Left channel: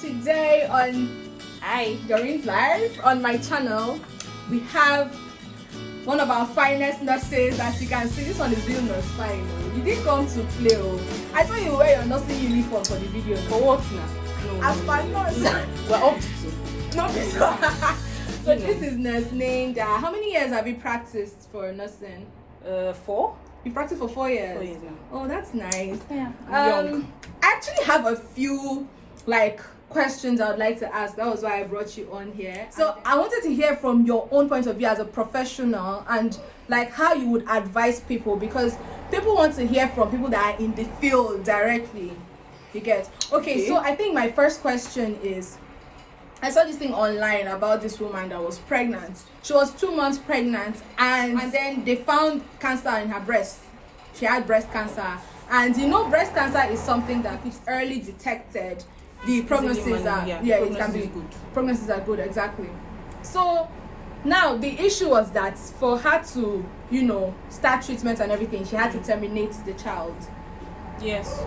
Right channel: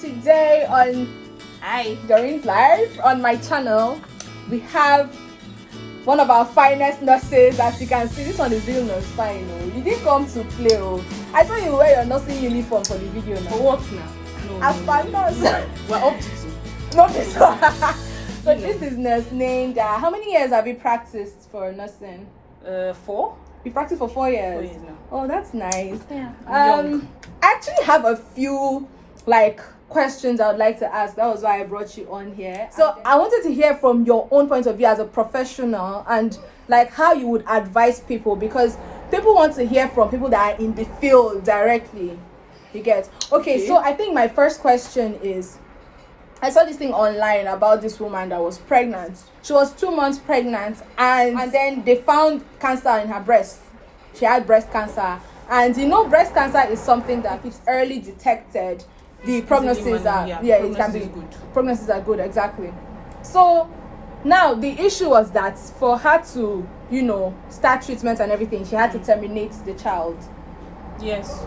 today on Doreen's Live on my channel, we have one of our finest nurses. As you can see, this one is real nurse fine. You didn't come to play. I saw you wear your nursing uniform for the video now. For what now? No, as per nurse. We're up to 2. Not this one. So this is Nurse Nnenda. How many years have you practiced for nursing? 4. You practiced for 4 years? 4 years now. Oh, that's nice. Yeah, I'm young. I actually have a few questions I would like to ask. That was why I brought you on here. So I wanted to hear from your own point of view as a professional and how you would advise people, because people want to hear from people that are in the field directly. You get? Okay, so I think my first question is, I saw this thing online about this woman that was pregnant. She was 2 months pregnant, and then they found cancer in her breast. She had breast cancer. And breast cancer is something that if it's early detected, the prognosis it can be good. Prognosis are good, exactly. So now the issue was that for her to, start treatment and everything, she had to terminate the child. Yes.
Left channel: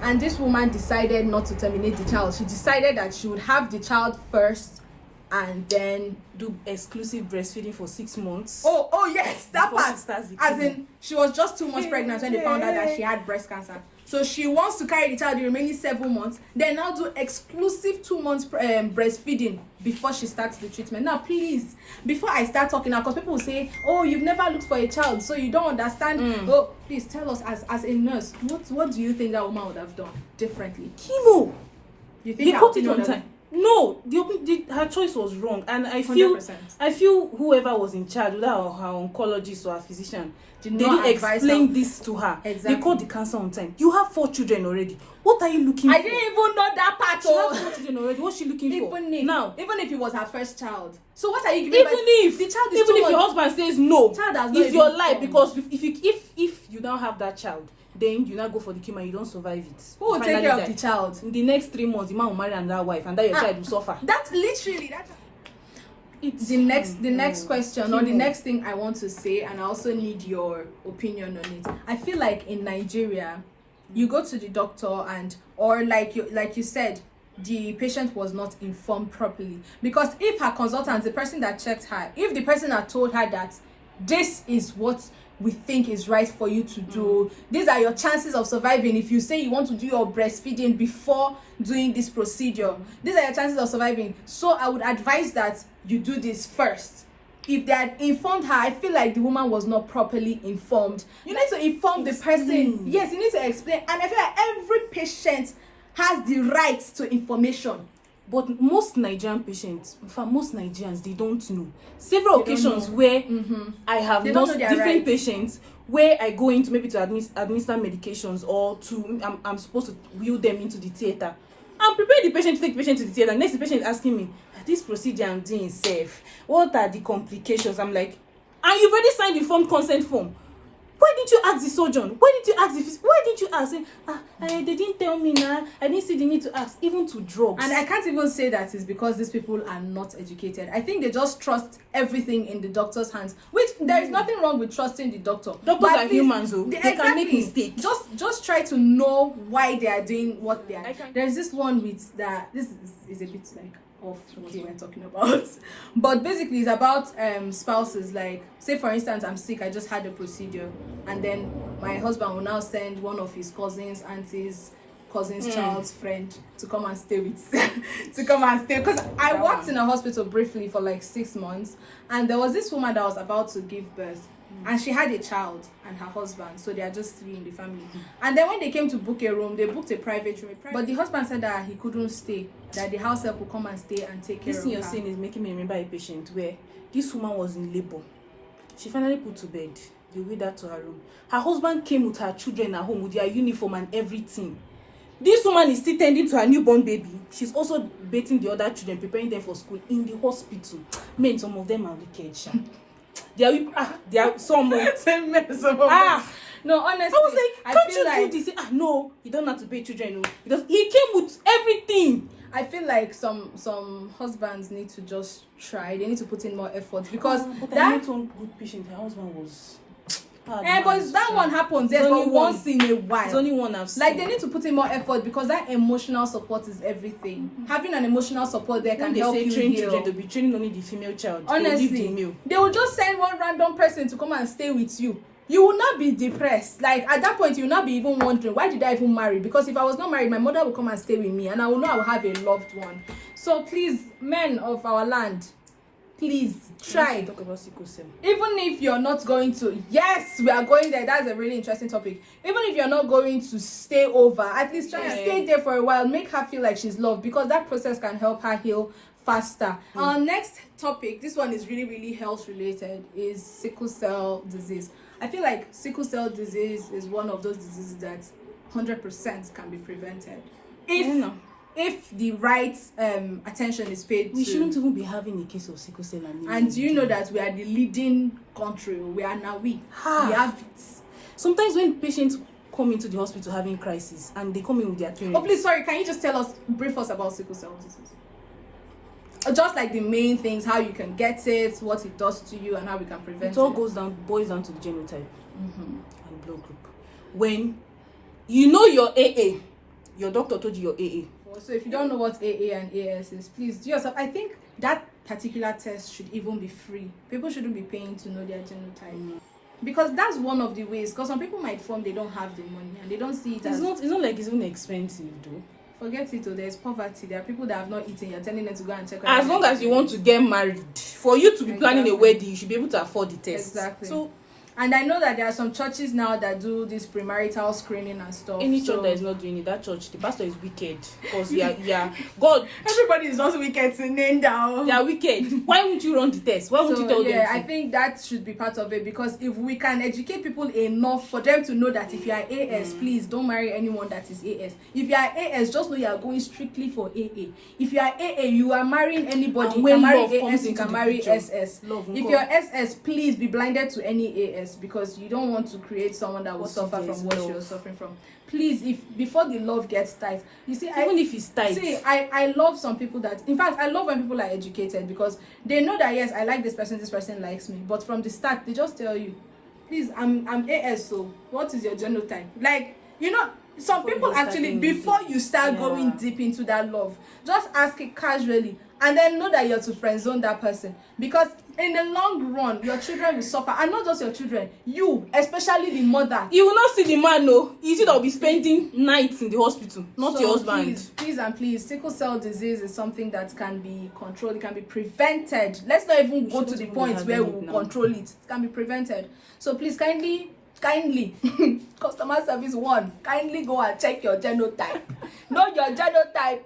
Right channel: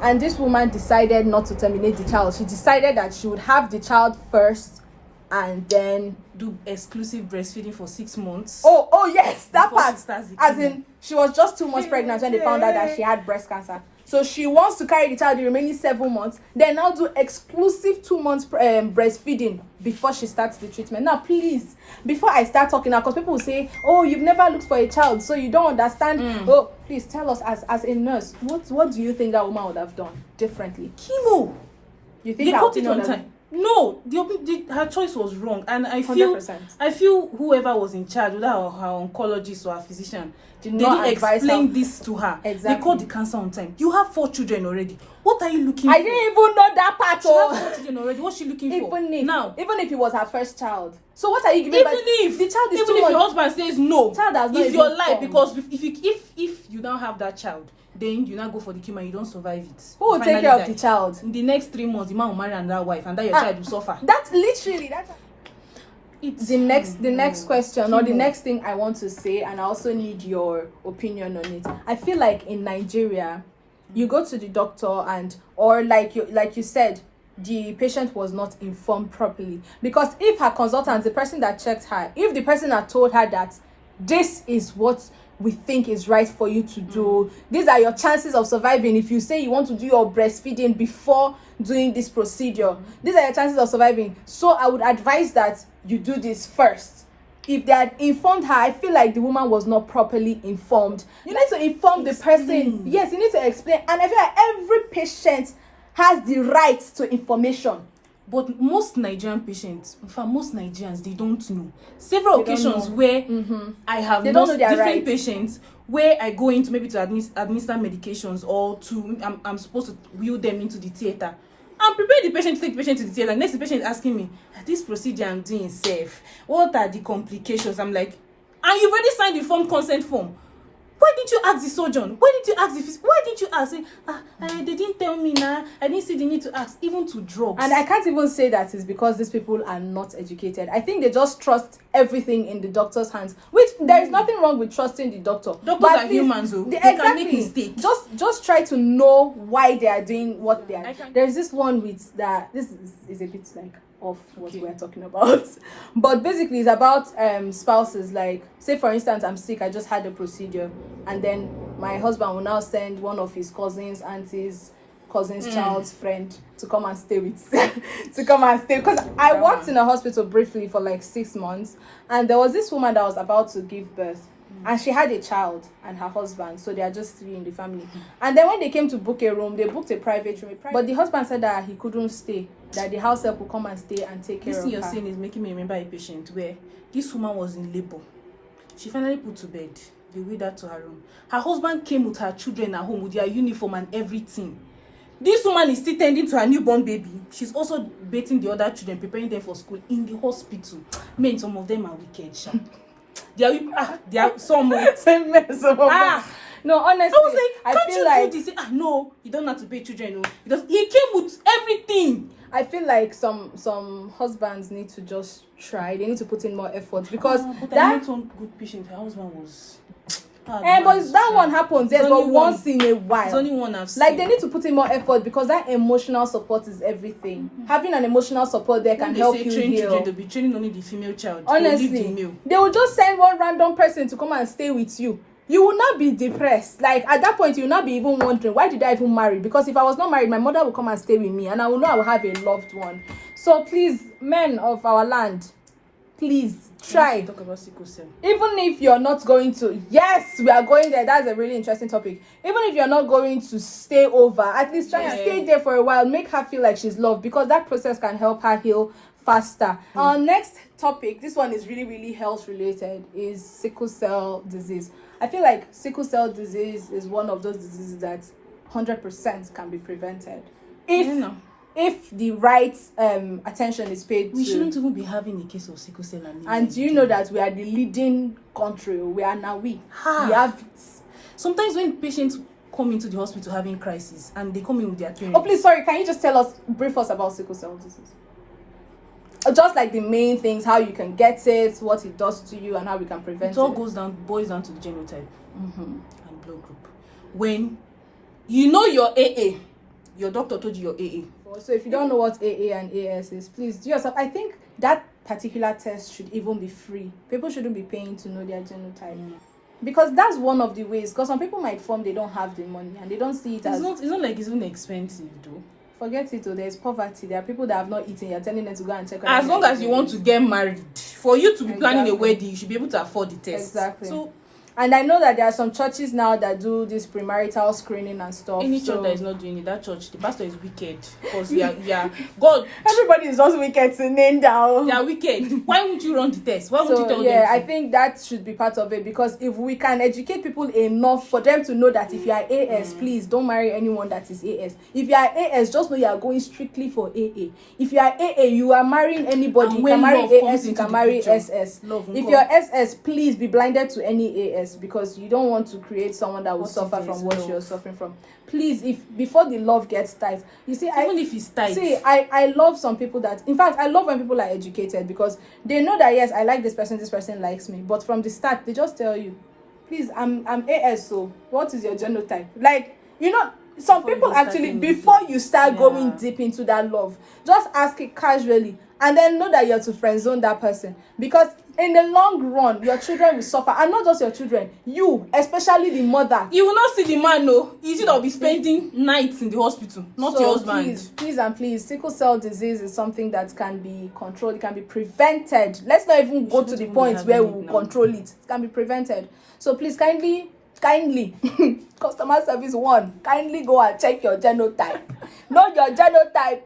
And this woman decided not to terminate the child. She decided that she would have the child first and then do exclusive breastfeeding for 6 months. Oh yes, that part. As in, she was just 2 months pregnant when they found out that she had breast cancer. So she wants to carry the child the remaining 7 months, then now do exclusive 2 months breastfeeding before she starts the treatment. Now, please, before I start talking now, because people will say, oh, you've never looked for a child, so you don't understand. Oh, please tell us as a nurse, what do you think that woman would have done differently? Chemo. You think they caught it on time? No, her choice was wrong, and I feel 100%. Whoever was in charge, whether her oncologist or her physician, they didn't explain this to her. Exactly. They caught the cancer on time. You have 4 children already. What are you looking for? I didn't even know that part. She has 4 children already. What's she looking for? Even if it was her first child. So what are you giving? Even if your husband says no, it's your life, because if you now have that child, then you now go for the chemo and you don't survive it. Who will take care of the child? In the next 3 months, the man will marry another wife, and that your child will suffer. That's literally it's the next question, or the next thing I want to say, and I also need your opinion on it. I feel like in Nigeria, you go to the doctor or like you said, the patient was not informed properly, because if her consultant, the person that checked her, if the person had told her that this is what we think is right for you to do, these are your chances of surviving. If you say you want to do your breastfeeding before doing this procedure, these are your chances of surviving. So I would advise that you do this first. If they had informed her, I feel like the woman was not properly informed. You need to inform the person. Yes, you need to explain. And I feel like every patient has the right to information. But most Nigerian patients, in fact, most Nigerians, they don't know. Several occasions where I have nursed different patients, where I go into maybe to administer medications, or I'm supposed to wheel them into the theater. I'm preparing the patient to take the patient to the theater. Next, the patient is asking me, this procedure I'm doing safe? What are the complications? I'm like, and you've already signed the informed consent form. Why didn't you ask the surgeon? Why didn't you ask the physician? Why didn't you ask? They didn't tell me now. I didn't see the need to ask, even to drugs. And I can't even say that it's because these people are not educated. I think they just trust everything in the doctor's hands, which there is nothing wrong with trusting the doctor. Doctors are humans, though. They can make mistakes. Just try to know why they are doing what they are. There's this one with that. This is a bit off what we're talking about, but basically it's about spouses. Like, say for instance, I'm sick, I just had a procedure, and then my husband will now send one of his cousins, aunties, child's friend to come and stay with because I worked in a hospital briefly for 6 months, and there was this woman that was about to give birth, and she had a child and her husband, so they are just 3 in the family. And then when they came to book a room, they booked a private room, but the husband said that he couldn't stay, that the house help will come and stay and take care of her. This thing you're saying is making me remember a patient where this woman was in labor. She finally put to bed. They wheeled her to her room. Her husband came with her children at home with their uniform and everything. This woman is still tending to her newborn baby. She's also bathing the other children, preparing them for school in the hospital. Men, some of them are wicked, sha. They are some. No, honestly, I was like, can't you do this? No, you don't have to pay children. No, he came with everything. I feel like some husbands need to just try. They need to put in more effort, because but I met one good patient. Her husband was But that one happens, yes, but once in a while. It's only one I've seen. Like, they need to put in more effort, because that emotional support is everything. Having an emotional support there can help you heal. Children, they'll be training only the female child. Honestly, they will just send one random person to come and stay with you. You will not be depressed. Like, at that point, you will not be even wondering, why did I even marry? Because if I was not married, my mother will come and stay with me, and I will know I will have a loved one. So please, men of our land, please try. To talk about sickle cell. Even if you're not going to, yes, we are going there. That's a really interesting topic. Even if you're not going to stay over, at least try and stay there for a while. Make her feel like she's loved, because that process can help her heal faster. Our next topic, this one is really, really health related, is sickle cell disease. I feel like sickle cell disease is one of those diseases that 100% can be prevented if the right attention is paid. We shouldn't even be having a case of sickle cell anemia. And do you know that we are the leading country? We have it. Sometimes when patients come into the hospital having crisis and they come in with their parents. Oh, please, sorry, can you just brief us about sickle cell disease? Just like the main things, how you can get it, what it does to you, and how we can prevent it. It all boils down to the genotype and blood group. When you know your AA, your doctor told you your AA. So if you don't know what AA and AS is, please do yourself. I think that particular test should even be free. People shouldn't be paying to know their genotype. Because that's one of the ways. Because some people might form, they don't have the money, and they don't see it as... It's not like it's even expensive, though. Forget it, though. There's poverty. There are people that have not eaten. You're telling them to go and check. As long as you want to get married, for you to be planning a wedding, you should be able to afford the test. Exactly. So, and I know that there are some churches now that do this premarital screening and stuff. Any church that is not doing it, that church, the pastor is wicked. Because God. Everybody is just wicked to Nnenda. They are wicked. Why won't you run the test? Why won't you tell them? Yeah, I think that should be part of it, because if we can educate people enough for them to know that if you are AS, please don't marry anyone that is AS. If you are AS, just know you are going strictly for AA. If you are AA, you are marrying anybody. You can marry AS, you can marry SS. If you're SS, please be blinded to any AS, because you don't want to create someone that will suffer from what you're suffering from. Please, if before the love gets tight, you see, even if it's tight. See, I love some people that, in fact, I love when people are educated, because they know that yes, I like this person likes me, but from the start they just tell you, please, I'm AS, so what is your genotype? Like, you know, some people actually, before you start going deep into that love, just ask it casually, and then know that you're to friend zone that person, because in the long run, your children will suffer. And not just your children, you, especially the mother. You will not see the man, no. You see, that will be spending nights in the hospital, not your husband. Please, sickle cell disease is something that can be controlled. It can be prevented. Let's not even go to the point where we will control it. It can be prevented. So please, kindly, customer service 1, kindly go and check your genotype. Know your genotype,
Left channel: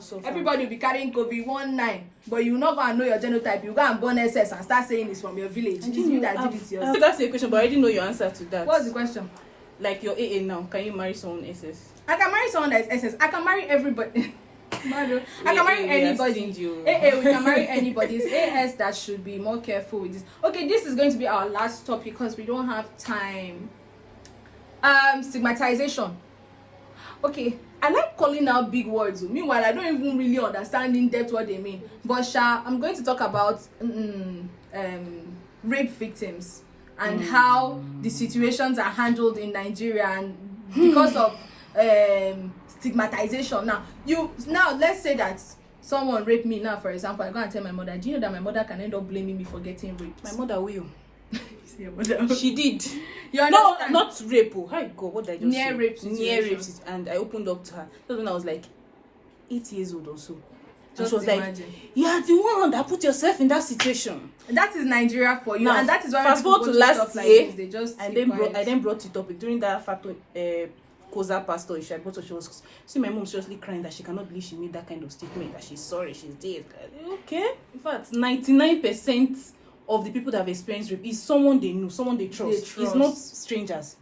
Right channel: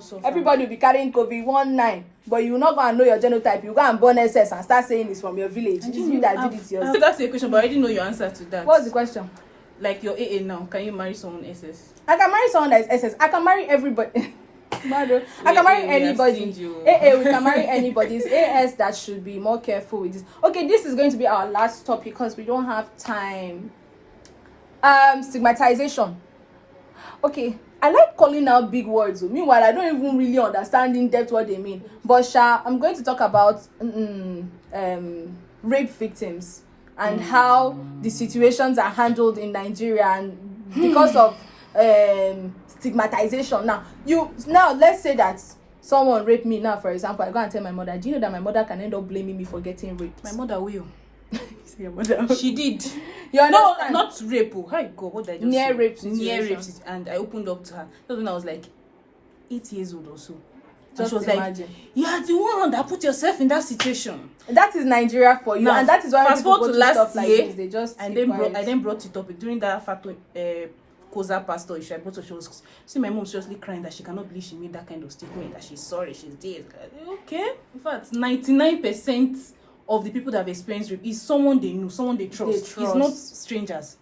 So everybody will be carrying COVID-19, but you will not go and know your genotype. You go and born SS and start saying it's from your village. It's me that did it yourself. That's a question, but I already know your answer to that. What's the question? Like your AA now, can you marry someone SS? I can marry someone that is SS. I can marry everybody. I can marry anybody. AA, we can marry anybody. It's AS that should be more careful with this. Okay, this is going to be our last topic because we don't have time. Stigmatization. Okay, I like calling out big words. Meanwhile, I don't even really understand in depth what they mean. But I'm going to talk about rape victims and how the situations are handled in Nigeria, and because of stigmatization. Now let's say that someone raped me now, for example. I go and tell my mother. Do you know that my mother can end up blaming me for getting raped? My mother will. Your mother. She did. You understand? No, not rape. Hi God, what did I just say? Near rape. And I opened up to her. That's when I was like 8 years old or so. Just she was imagine. Like, you are the one that put yourself in that situation. That is Nigeria for you, and that is why fast forward to last year. Like they just I then brought the topic during that Koza pastor issue. I brought her. She was see my mom seriously crying that she cannot believe she made that kind of statement, that she's sorry, she's dead. Okay, in fact, 99% of the people that have experienced rape is someone they know, someone they trust. It's not strangers.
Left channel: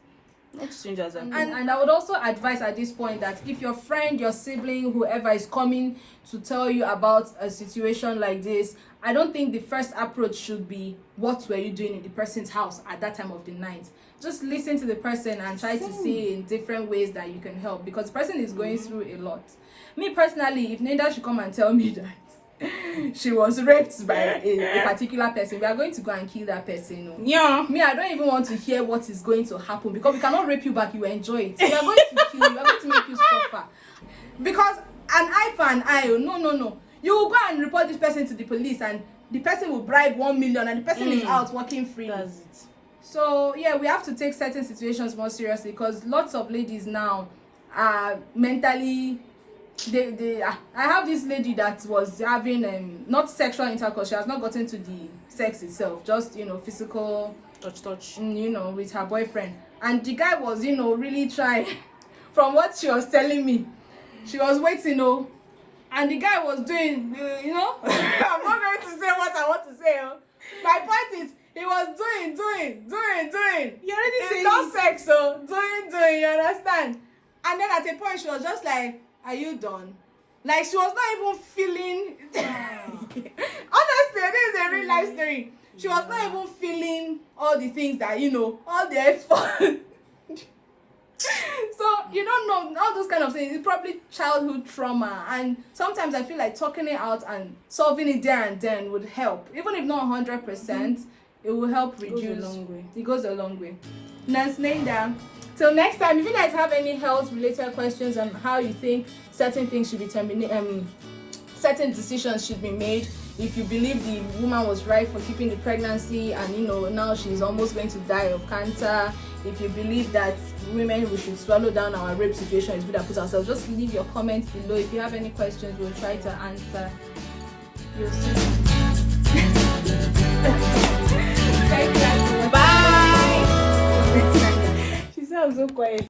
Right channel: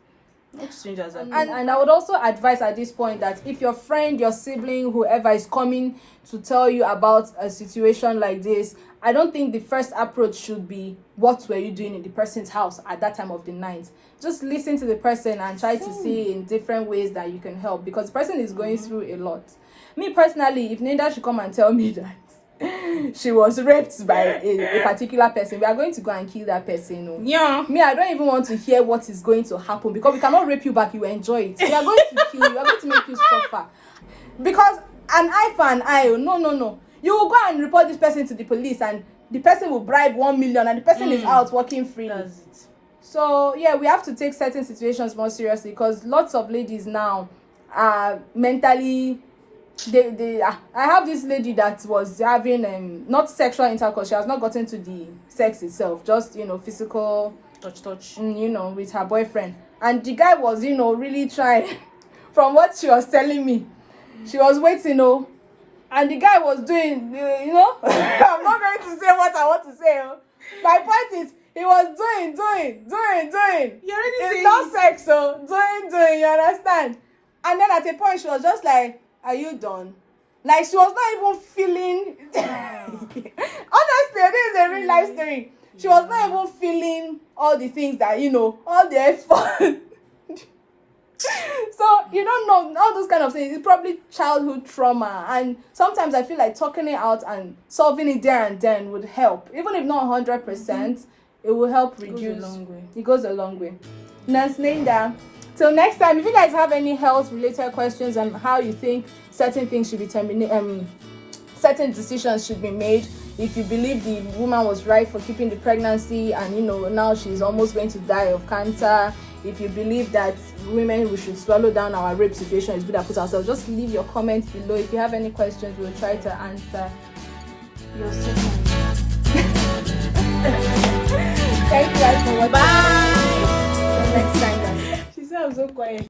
Not strangers. And I would also advise at this point that if your friend, your sibling, whoever is coming to tell you about a situation like this, I don't think the first approach should be, what were you doing in the person's house at that time of the night? Just listen to the person and try to see in different ways that you can help, because the person is going through a lot. Me personally, if Nnenda should come and tell me that she was raped by a particular person, we are going to go and kill that person. No? Yeah. Me, I don't even want to hear what is going to happen, because we cannot rape you back, you will enjoy it. We are going to kill you, we are going to make you suffer. Because an eye for an eye, no. You will go and report this person to the police, and the person will bribe 1 million, and the person is out working freely. That's it. So yeah, we have to take certain situations more seriously, because lots of ladies now are mentally, I have this lady that was having not sexual intercourse. She has not gotten to the sex itself, just physical touch with her boyfriend, and the guy was really trying. From what she was telling me, she was waiting and the guy was doing I'm not going to say what I want to say. My point is, he was doing. You already It's not sex, so doing, you understand? And then at a point she was just like, are you done? Like, she was not even feeling honestly, this is a real life story. She was not even feeling all the things that all the effort. So you don't know all those kind of things. It's probably childhood trauma, and sometimes I feel like talking it out and solving it there and then would help, even if not 100%. It will help reduce. It goes a long way. Nnenda, till next time, if you guys have any health related questions on how you think certain things should be terminated, certain decisions should be made, if you believe the woman was right for keeping the pregnancy and now she's almost going to die of cancer, if you believe that women, we should swallow down our rape situation, it's good to put ourselves, just leave your comments below. If you have any questions, we'll try to answer. You'll see. Thank you guys for watching. Bye. Next time. She sounds so quiet.